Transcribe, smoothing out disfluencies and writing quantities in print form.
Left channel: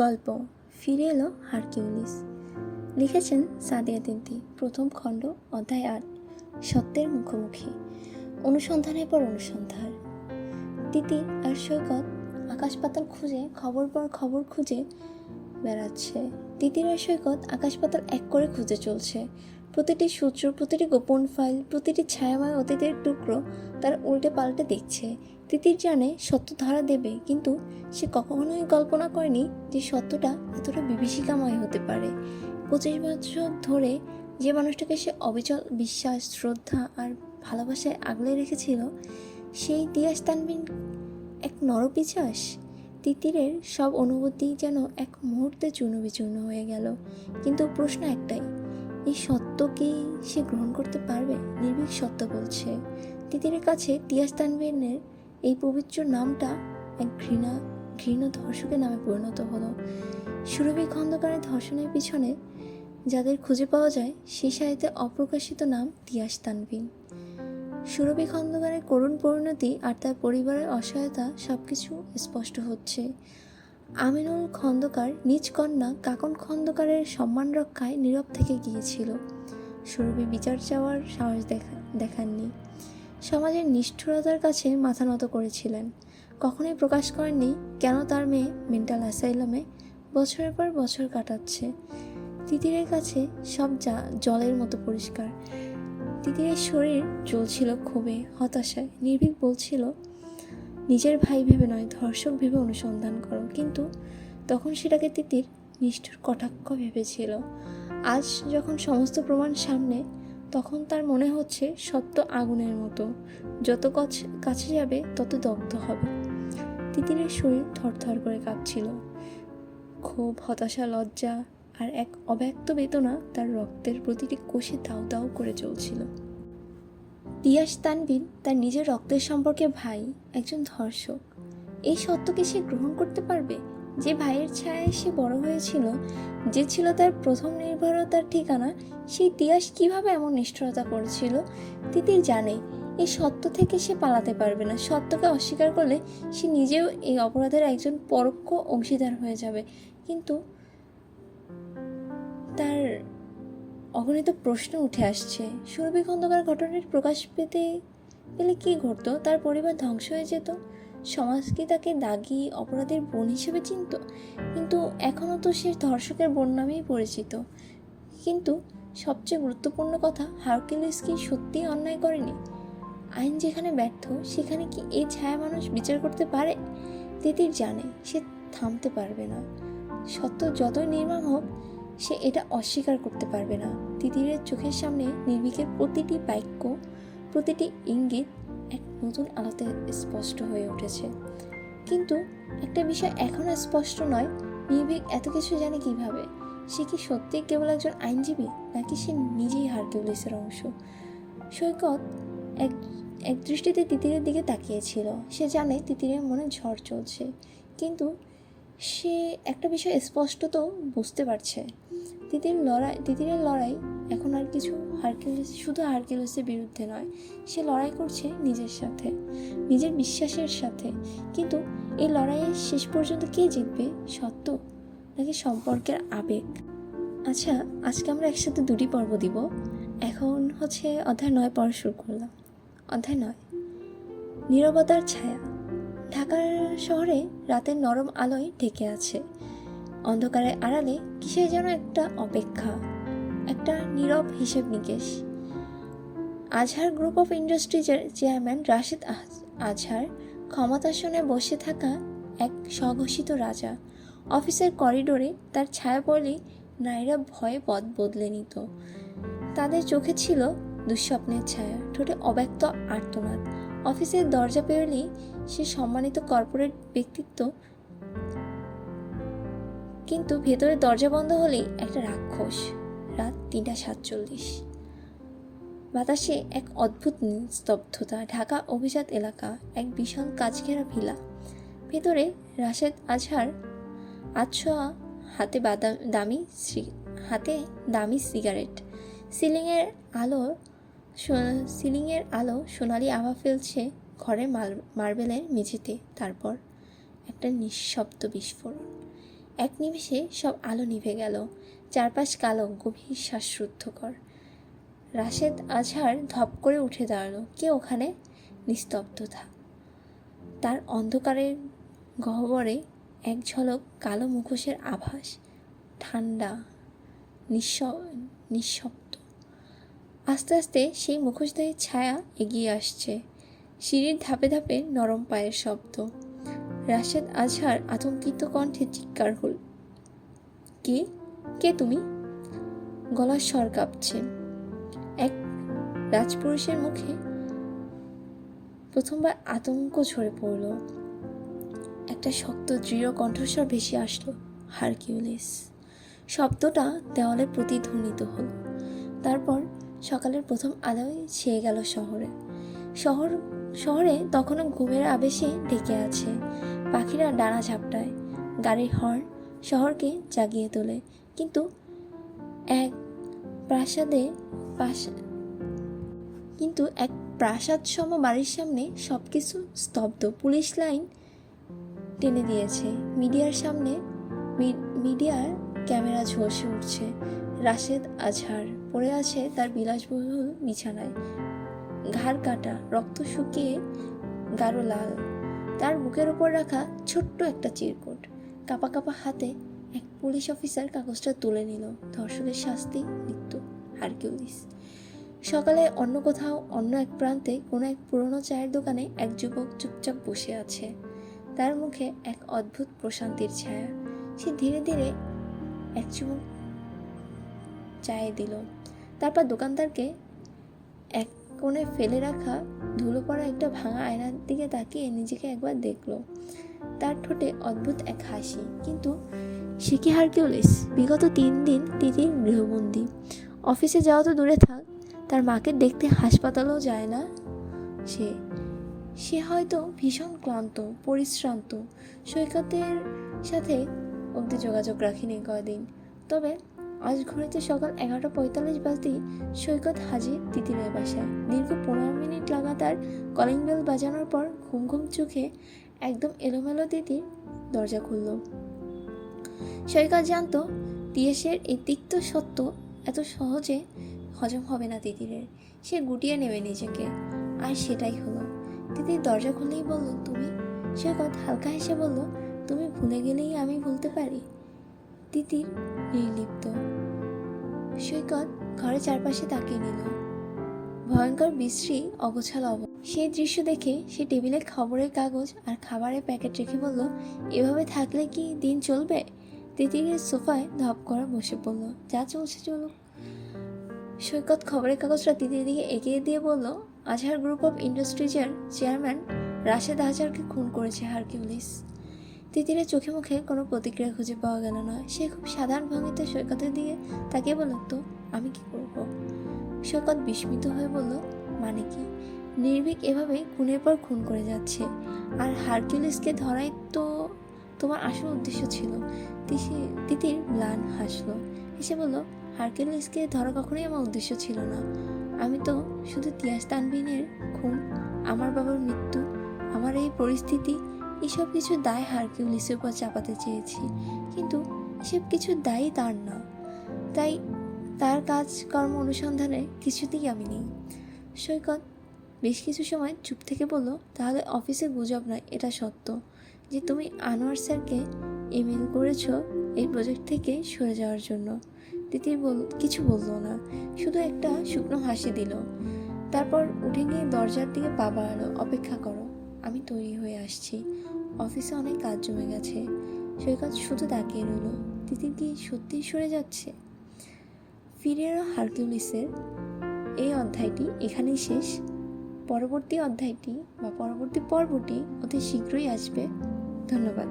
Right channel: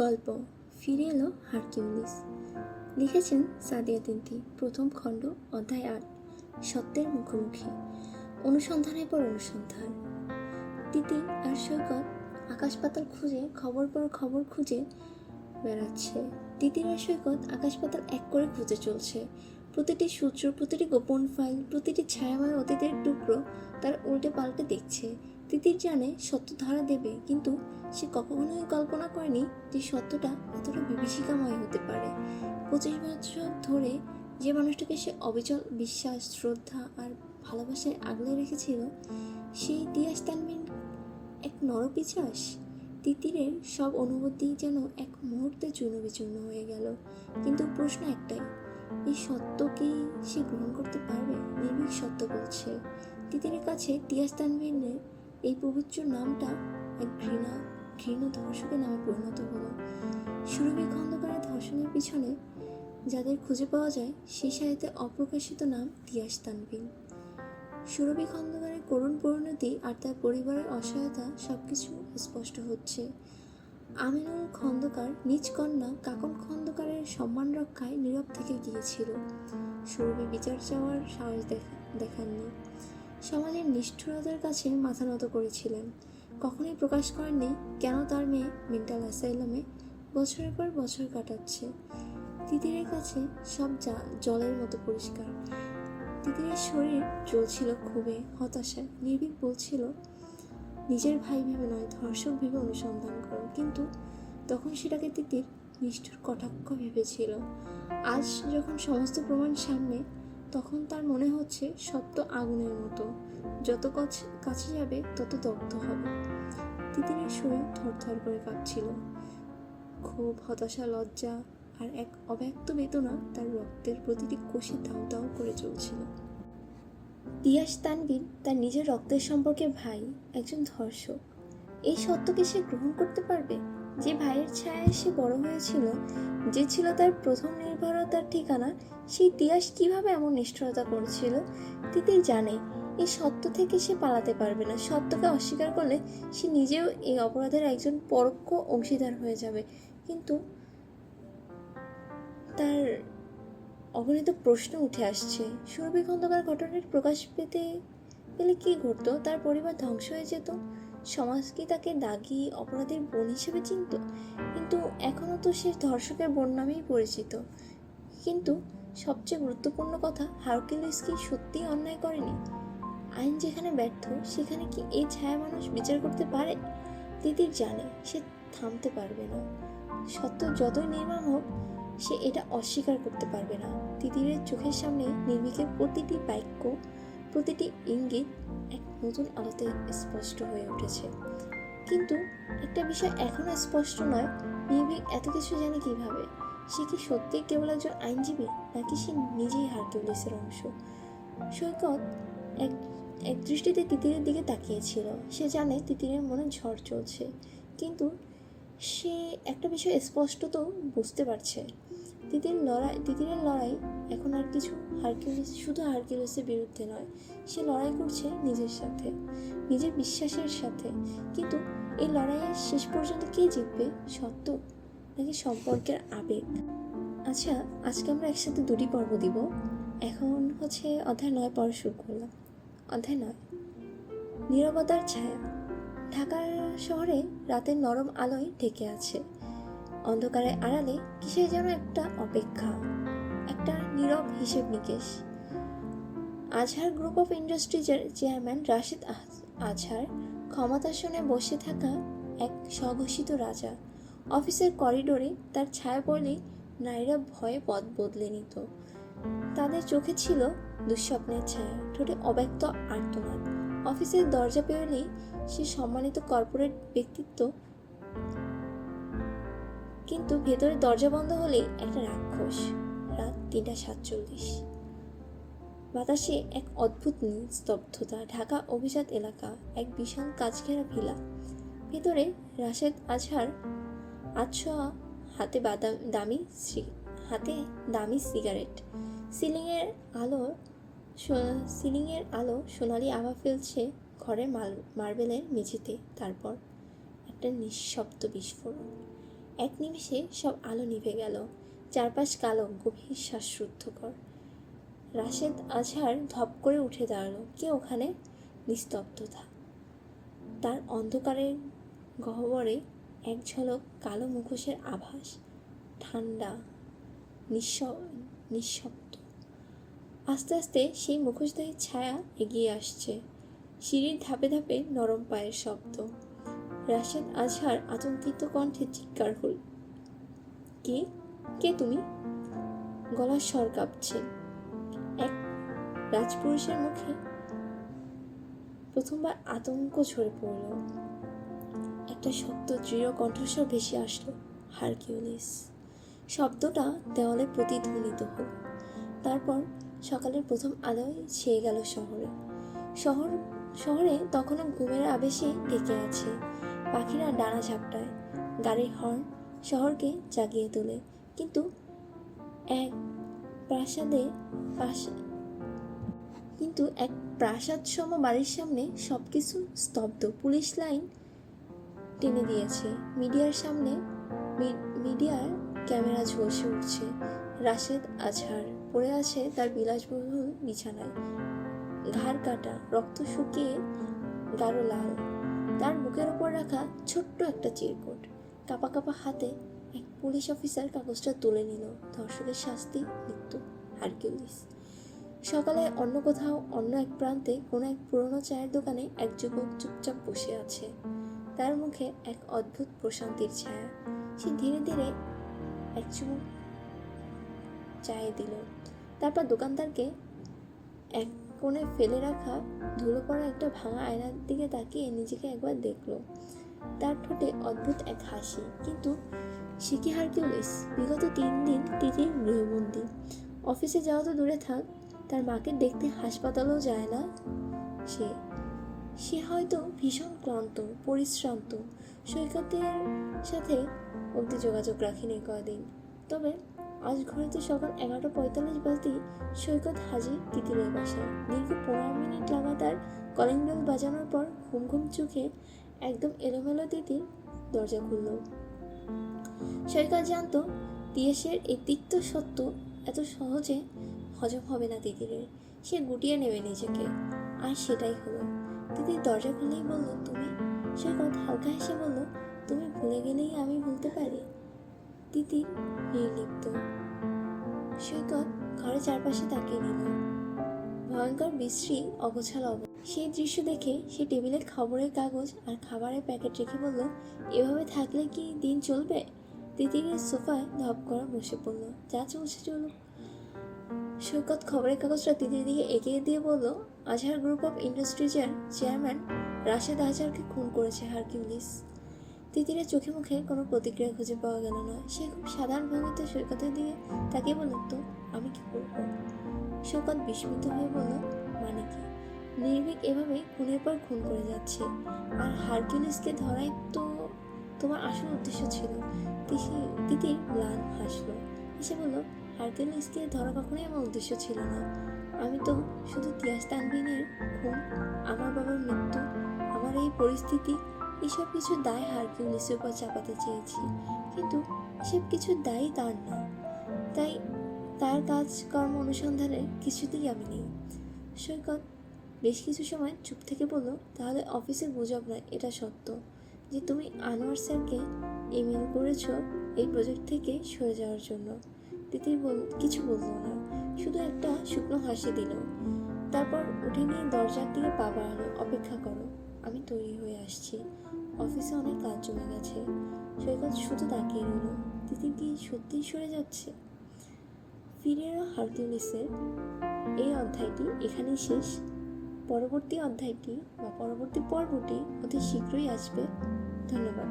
গল্প ফিরে এলো হারকিউলিস। লিখেছেন সাদিয়া তিনতি। প্রথম খণ্ড, অধ্যায় ৮, সত্যের মুখোমুখি। অনুসন্ধানের পর অনুসন্ধান। তিতি আর সৈকত আকাশ পাতাল খুঁজে খবর পর খবর খুঁজে বেড়াচ্ছে। তিতির আর সৈকত আকাশ পাতাল এক করে খুঁজে চলছে। প্রতিটি সূত্র, প্রতিটি গোপন ফাইল, প্রতিটি ছায়াময় অতীতের টুকরো তার উল্টে পাল্টে দেখছে। তিতির জানে সত্য ধরা দেবে, কিন্তু সে কখনোই কল্পনা করেনি যে সত্যটা এতটা বিভীষিকাময় হতে পারে। 25 বছর ধরে যে মানুষটাকে সে অবিচল বিশ্বাস, শ্রদ্ধা আর ভালোবাসায় আগলে রেখেছিল, সেই তিয়াস তানবিন এক নরপিশাচ। তিতিরের সব অনুভূতি যেন এক মুহূর্তে চূর্ণ বিচূর্ণ হয়ে গেল। কিন্তু প্রশ্ন একটাই, এই সত্য কি সে গ্রহণ করতে পারবে? নির্ভীক সত্য বলছে। তিতিরের কাছে তিয়াস তানবিনের এই পবিত্র নামটা এক ঘৃণ ধর্ষকের নামে পরিণত হলো। সুরভি খন্দকারের ধর্ষণের পিছনে যাদের খুঁজে পাওয়া যায়, সেই সাহিত্যে অপ্রকাশিত নাম তিয়াস তানবিন। সুরভি খন্দকারের করুণ পরিণতি আর তার পরিবারের অসহায়তা সবকিছু স্পষ্ট হচ্ছে। আমিনুল খন্দকার নিজ কন্যা কাকন খন্দকারের সম্মান রক্ষায় নীরব থেকে গিয়েছিল। সুরভি বিচার চাওয়ার সাহস দেখাননি। সমাজের নিষ্ঠুরতার কাছে মাথা নত করেছিলেন। কখনোই প্রকাশ করেননি কেন তার মেয়ে মেন্টাল অ্যাসাইলামে বছরের পর বছর কাটাচ্ছে। তিতিরের কাছে সব জলের মতো পরিষ্কার। তিতিরের শরীর চলছিল ক্ষোভে, হতাশায়। নির্ভীক বলছিল, নিজের ভাই ভেবে নয়, ধর্ষক ভেবে অনুসন্ধান করো। কিন্তু তখন সেটাকে তিতির নিষ্ঠুর কটাক্ষ ভেবেছিল। আজ যখন সমস্ত প্রমাণ সামনে, তখন তার মনে হচ্ছে সত্য আগুনের মতো, যত কাছে যাবে তত দগ্ধ হবে। তিতিরের শরীর থরথর করে কাঁপছিল। ক্ষোভ, হতাশা, লজ্জা আর এক অব্যক্ত বেদনা তার রক্তের প্রতিটি কোষে দাউ দাউ করে চলছিল। তিয়াস তানবিন তার নিজের রক্তের সম্পর্কে ভাই, একজন ধর্ষক। এই সত্যকে সে গ্রহণ করতে পারবে? যে ভাইয়ের ছায়ায় সে বড় হয়েছিল, যে ছিল তার প্রথম নির্ভরতার ঠিকানা, সেই তিয়াস কিভাবে এমন নিষ্ঠুরতা করেছিল? তিতির জানে এই সত্য থেকে সে পালাতে পারবে না। সত্যকে অস্বীকার করলে সে নিজেও এই অপরাধের একজন পরোক্ষ অংশীদার হয়ে যাবে। কিন্তু তার অগণিত প্রশ্ন উঠে আসছে। সুরভি খন্দকার ঘটনার প্রকাশ পেলে কি ঘটতো? তার পরিবার ধ্বংস হয়ে যেত? সমাজ কি তাকে দাগী অপরাধের বোন হিসেবে চিনত? কিন্তু এখনও তো সে ধর্ষকের বোন নামেই পরিচিত। কিন্তু সবচেয়ে গুরুত্বপূর্ণ কথা, হারকিউলিস কি সত্যিই অন্যায় করেনি? আইন যেখানে ব্যর্থ, সেখানে কি এই ছায়া মানুষ বিচার করতে পারে? তিতির জানে সে থামতে পারবে না। সত্য যতই নির্মম হোক, সে এটা অস্বীকার করতে পারবে না। তিতিরের চোখের সামনে নির্ভীকের প্রতিটি বাক্য, প্রতিটি ইঙ্গিত এক নতুন আলোতে স্পষ্ট হয়ে উঠেছে। কিন্তু একটা বিষয় এখনও স্পষ্ট নয়, নির্ভীক এত কিছু জানে কিভাবে? সে কি সত্যি কেবল একজন আইনজীবী, নাকি সে নিজেই হারকিউলিসের অংশ? সৈকত এক দৃষ্টিতে তিতিরের দিকে তাকিয়েছিল। সে জানে তিতিরের মনে ঝড় চলছে, কিন্তু সে একটা বিষয় স্পষ্টত বুঝতে পারছে। তিতিরের লড়াই এখন আর কিছু শুধু হারকিউলিসের বিরুদ্ধে নয়। সে লড়াই করছে নিজের সাথে, নিজের বিশ্বাসের সাথে। কিন্তু এই লড়াইয়ে শেষ পর্যন্ত কে জিতবে? সত্য নাকি সম্পর্কের আবেগ? আচ্ছা, আজকে আমরা একসাথে 2টি পর্ব দিব। এখন হচ্ছে অধ্যায় 9 পড়া শুরু করলাম। অধ্যায় 9, নীরবতার ছায়া। ঢাকার শহরে রাতের নরম আলোয় ঢেকে আছে। অন্ধকারের আড়ালে কিসের যেন একটা অপেক্ষা, একটা নীরব হিসেব নিকেশ। আজহার গ্রুপ অফ ইন্ডাস্ট্রিজের চেয়ারম্যান রাশেদ আজহার ক্ষমতাসনে বসে থাকা এক স্বঘোষিত রাজা। অফিসের করিডোরে তার ছায়া পড়লেই নারীরা ভয়ে পথ বদলে নিত। তাদের চোখে ছিল দুঃস্বপ্নের ছায়া, ঠোঁটে অব্যক্ত আর্তনাদ। অফিসের দরজা পেরোলেই সে সম্মানিত কর্পোরেট ব্যক্তিত্ব, কিন্তু ভেতরে দরজা বন্ধ হলেই একটা রাক্ষস। রাত 3:47। বাতাসে এক অদ্ভুত নিস্তব্ধতা। ঢাকা অভিজাত এলাকা, এক বিশাল কাচঘেরা ভিলা। ভেতরে রাশেদ আজহার আতশোয়া, হাতে দামি সিগারেট। সিলিংয়ের আলো সোনালি আভা ফেলছে ঘরের মার্বেলের মেঝেতে। তারপর একটা নিঃশব্দ বিস্ফোরণ। এক নিমেষে সব আলো নিভে গেল, চারপাশ কালো, গভীর শ্বাসরুদ্ধকর। রাশেদ আজহার ধপ করে উঠে দাঁড়ালো। কে ওখানে? নিস্তব্ধতা। তার অন্ধকারের গহ্বরে এক ঝলক কালো মুখোশের আভাস, ঠান্ডা, নিঃশব্দ। আস্তে আস্তে সেই মুখোশধারীর ছায়া এগিয়ে আসছে, সিঁড়ির ধাপে ধাপে নরম পায়ের শব্দ। রাশেদ আজহার আতঙ্কিত কণ্ঠে চিৎকার হল, কে? কে তুমি? গলার স্বর কাঁপছে। এক রাজপুরুষের মুখে প্রথমবার আতঙ্ক ঝরে পড়ল। একটা শক্ত দৃঢ় কণ্ঠস্বর ভেসে আসলো, হারকিউলিস। শব্দটা দেওয়ালে প্রতিধ্বনিত হল। তারপর সকালের প্রথম আলোয় ছেয়ে গেল শহরে তখনও ঘুমের আবেশে ঢেকে আছে। পাখিরা ডানা ঝাপটায়, গাড়ির হর্ন শহরকে জাগিয়ে তোলে। কিন্তু এক প্রাসাদসম বাড়ির সামনে সবকিছু স্তব্ধ। পুলিশ লাইন টেনে দিয়েছে, মিডিয়ার ক্যামেরা ঝলসে উঠছে। রাশেদ আজহার পড়ে আছে তার বিলাসবহুল বিছানায়, ঘাড় কাটা, রক্ত শুকিয়ে গাঢ় লাল। তার বুকের ওপর রাখা ছোট্ট একটা চিরকুট। কাঁপা কাঁপা হাতে এক পুলিশ অফিসার কাগজটা তুলে নিল। ধর্ষকের শাস্তি মৃত্যু, হারকিউলিস। সকালে অন্য কোথাও, অন্য এক প্রান্তে কোনো এক পুরনো চায়ের দোকানে এক যুবক চুপচাপ বসে আছে। তার মুখে এক অদ্ভুত প্রশান্তির ছায়া। সে ধীরে ধীরে এক চুমুক চায়ে দিল। তারপর দোকানদারকে এক কোণে ফেলে রাখা ধুলো পড়া একটা ভাঙা আয়নার দিকে তাকিয়ে নিজেকে একবার দেখলো। তার ঠোঁটে অদ্ভুত এক হাসি। কিন্তু সে কি হারকিউলিস? বিগত 3 দিন তিতির গৃহবন্দী। অফিসে যাওয়া তো দূরে থাক, তার মাকে দেখতে হাসপাতালেও যায় না। সে হয়তো ভীষণ ক্লান্ত, পরিশ্রান্ত। সৈকতের সাথে অবধি যোগাযোগ রাখিনি কয়দিন। তবে আজ ঘড়িতে সকাল 11:45 বাজতেই সৈকত হাজির তিতিরের বাসায়। দীর্ঘ 15 মিনিট লাগাতার কলিং বেল বাজানোর পর ঘুম ঘুম চোখে একদম এলোমেলো তিতির দরজা খুলল। সৈকত জানতো তিয়াসের এই তিক্ত সত্য এত সহজে হজম হবে না তিতিরের। সে গুটিয়ে নেবে নিজেকে, আর সেটাই হলো। তিতির দরজা খুলেই বলল, তুমি? সৈকত হালকা হেসে বলল, তুমি ভুলে গেলেই আমি ভুলতে পারি। তিতির নির্লিপ্ত। সৈকত ঘরের চারপাশে তাকিয়ে নিল। ভয়ঙ্কর বিশ্রী অগোছালো সেই দৃশ্য দেখে সে টেবিলে খবরের কাগজ আর খাবারের প্যাকেট রেখে বলল, এভাবে থাকলে কি দিন চলবে? তিতিরের সোফায় ধপ করে বসে পড়ল। যা চলছে চলুক। সৈকত খবরের কাগজটা তিতির দিকে এগিয়ে দিয়ে বলল, আজহার গ্রুপ অফ ইন্ডাস্ট্রিজের চেয়ারম্যান রাশেদ আজহারকে খুন করেছে হারকিউলিস। তিতিরের চোখে মুখে কোনো প্রতিক্রিয়া খুঁজে পাওয়া গেল না। সে খুব সাধারণ ভঙ্গিতে সৈকতের দিকে তাকিয়ে বলল, তো আমি কি করব? সৈকত বিস্মিত হয়ে বলল, মানে কি? নির্ভীক এভাবে খুনের পর খুন করে যাচ্ছে, আর হারকিউলিসকে ধরাই তো তোমার আসল উদ্দেশ্য ছিল। তিতির ম্লান হাসলো, এসে বলল, হারকিউলিসকে ধরা কখনোই আমার উদ্দেশ্য ছিল না। আমি তো শুধু তিয়াস তানভীরের খুন, আমার বাবার মৃত্যু, আমার এই পরিস্থিতি, এসব কিছু দায় হারকিউলিসের উপর চাপাতে চেয়েছি। কিন্তু এসব কিছু দায়ী তার না, তাই তার কাজকর্ম অনুসন্ধানে কিছুতেই আমি নেই। সৈকত বেশ কিছু সময় চুপ থেকে বলল, তাহলে অফিসে গুজব নয়, এটা সত্য যে তুমি আনোয়ার স্যারকে ইমেল করেছ এই প্রজেক্ট থেকে সরে যাওয়ার জন্য? তিতির কিছু বলল না, শুধু একটা শুকনো হাসি দিল। তারপর উঠে গিয়ে দরজার দিকে পা বাড়ালো। অপেক্ষা করো, আমি তৈরি হয়ে আসছি। অফিসে অনেক কাজ জমে গেছে। সৈকত শুধু তাকিয়ে রইল। তিতির কি সত্যিই সরে যাচ্ছে? ফিরে এলো হারকিউলিসের এই অধ্যায়টি এখানেই শেষ। পরবর্তী অধ্যায়টি বা পরবর্তী পর্বটি অতি শীঘ্রই আসবে। ধন্যবাদ।